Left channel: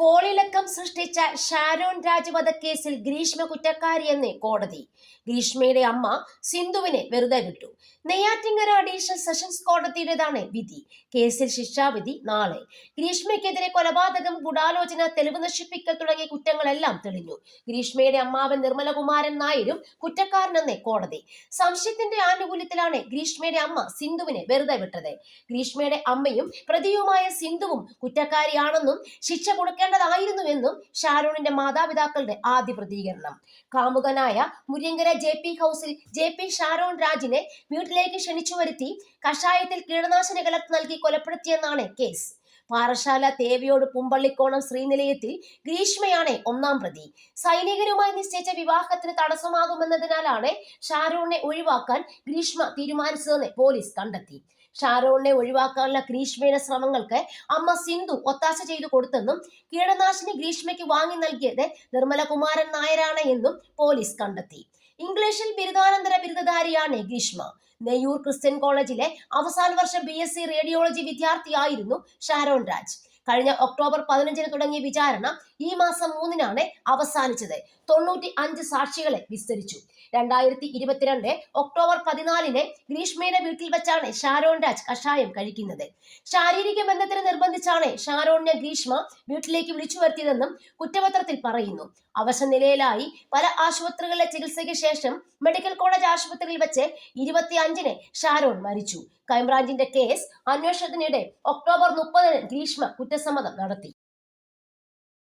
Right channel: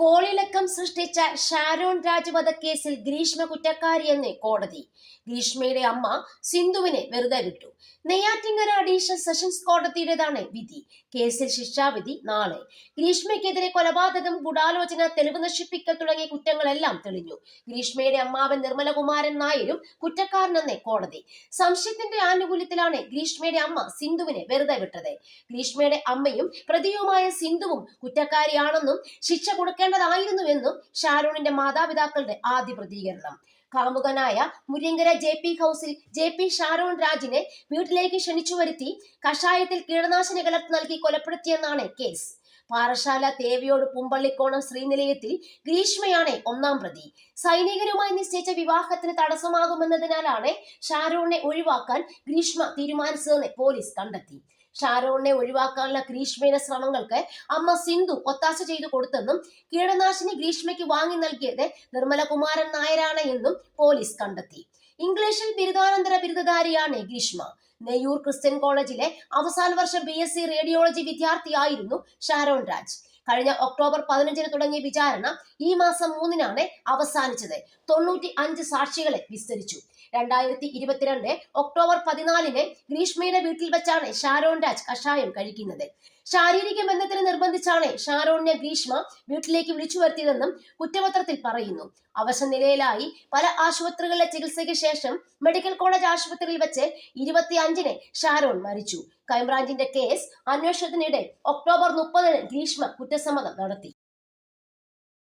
കോളിളക്കം സൃഷ്ടിച്ച ഷാരോൺ രാജ് വധക്കേസിൽ ഗ്രീഷ്മ കുറ്റക്കാരിയെന്ന് കോടതി. ഗ്രീഷ്മയുടെ അമ്മ സിന്ധുവിനെ വെറുതെ വിട്ടു. നെയ്യാറ്റിങ്കര അഡീഷണൽ സെഷൻസ് കോടതിയുടേതാണ് വിധി. കേസിൽ ശിക്ഷാവിധി നാളെ. ഗ്രീഷ്മയ്ക്കെതിരെ കൊലപാതകം, ഗൂഢാലോചന, തെളിവ് നശിപ്പിക്കൽ തുടങ്ങിയ കുറ്റങ്ങളെല്ലാം തെളിഞ്ഞു. ഗ്രീഷ്മയുടെ അമ്മാവൻ നിർമ്മലകുമാരൻ നായരും കുറ്റക്കാരനെന്ന് കോടതി. സംശയത്തിന്റെ ആനുകൂല്യത്തിലാണ് ഗ്രീഷ്മയുടെ അമ്മ സിന്ധുവിനെ വെറുതെ വിട്ടത്. ഗ്രീഷ്മയുടെ അമ്മയും പ്രതിയുമായ സിന്ധുവും കുറ്റക്കാരിയാണെന്നും ശിക്ഷ കൊടുക്കേണ്ടതായിരുന്നുവെന്നും ഷാരോണിന്റെ മാതാപിതാക്കളുടെ ആദ്യ പ്രതികരണം. കാമുകനായ മുരിങ്ങര JP ഹൗസിൽ JP ഷാരോൺ രാജിനെ വീട്ടിലേക്ക് ക്ഷണിച്ചു വരുത്തി കഷായത്തിൽ കീടനാശിനി കലർത്തി നൽകി കൊലപ്പെടുത്തിയെന്നാണ് കേസ്. പാറശാല തേവിയോട് പുമ്പള്ളിക്കോണം ശ്രീനിലയത്തിൽ ഗ്രീഷ്മയാണ് ഒന്നാം പ്രതി. സൈനികരുമായി നിശ്ചയിച്ച വിവാഹത്തിന് തടസ്സമാകുമെന്നതിനാലാണ് ഷാരോണിനെ ഒഴിവാക്കാൻ ഗ്രീഷ്മ തീരുമാനിച്ചതെന്ന് പോലീസ് കണ്ടെത്തി. ഷാരോണിനെ ഒഴിവാക്കാനുള്ള ഗ്രീഷ്മയുടെ ശ്രമങ്ങൾക്ക് അമ്മ സിന്ധു ഒത്താശ ചെയ്തു കൊടുത്തെന്നും കീടനാശിനി ഗ്രീഷ്മയ്ക്ക് വാങ്ങി നൽകിയത് നിർമ്മലകുമാരൻ നായരാണ് എന്നും പോലീസ് കണ്ടെത്തി. ഇംഗ്ലീഷിൽ ബിരുദാനന്തര ബിരുദധാരിയാണ് ഗ്രീഷ്മ. നെയ്യൂർ ക്രിസ്ത്യൻ കോളേജിലെ അവസാന വർഷ BSc റേഡിയോളജി വിദ്യാർത്ഥിയായിരുന്നു ഷാരോൺ രാജ്. കഴിഞ്ഞ ഒക്ടോബർ 15 തുടങ്ങിയ വിചാരണ ഈ മാസം 3 അവസാനിച്ചത്. 95 സാക്ഷികളെ വിസ്തരിച്ചു. 2022 ഒക്ടോബർ 14 ഗ്രീഷ്മയുടെ വീട്ടിൽ വെച്ചാണ് ഷാരോൺ രാജ് കഷായം കഴിക്കുന്നത്. ശാരീരിക ബന്ധത്തിന് നിർബന്ധിച്ചാണ് ഷാരോണിനെ ഗ്രീഷ്മ വീട്ടിലേക്ക് വിളിച്ചു വരുത്തിയതെന്നും കുറ്റപത്രത്തിൽ പറയുന്നു. അവശനിലയിലായി പല ആശുപത്രികളിലെ ചികിത്സയ്ക്ക് ശേഷം മെഡിക്കൽ കോളേജ് ആശുപത്രിയിൽ വെച്ച് 25 ഷാരോൺ മരിച്ചു. ക്രൈംബ്രാഞ്ചിന്റെ കേസ് അന്വേഷണത്തിനിടെ ഒക്ടോബർ 30 ഗ്രീഷ്മ കുറ്റസമ്മതം നടത്തി.